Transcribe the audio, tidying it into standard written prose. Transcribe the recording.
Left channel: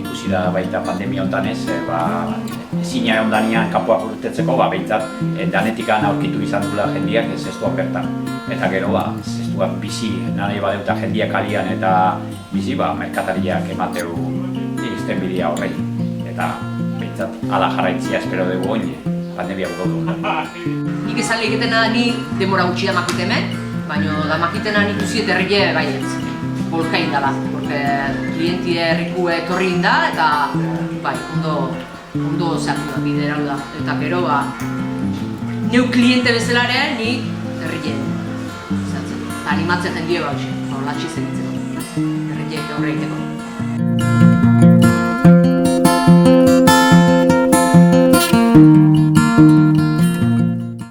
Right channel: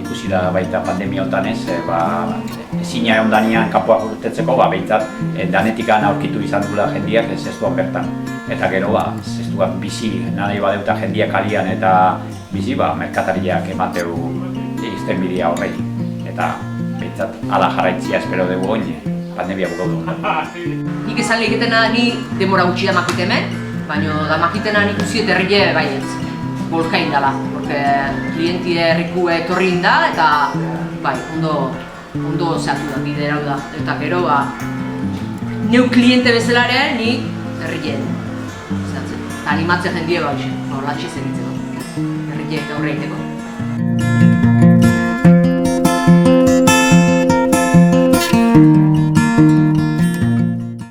ikusi da baita pandemia hontan ez, ezina ondanian kanpoak urtetzeko, behintzat danetikan aurkitu izan dugula jendiak zestuan bertan. Eta gero, zestuan bizi nahi badeuta jendiak alian eta bizi, merkatariak emateu izten bidea horretik. Eta behintzat ala jarraitzia espero dugu oin, pandemia bukaudu ondan. Nik esan lehiketena ni demora gutxi damakit hemen, baina damakitena nik usiet herrie baietz. Bolkain dala, porque klientie herrikue etorri inda eta ondo zehatu da, biderau da. Eta gero, neu kliente bezalare nik herrien zehatzen. Eta animatzen jendie latxe zeritzeko, herriek aurre egiteko.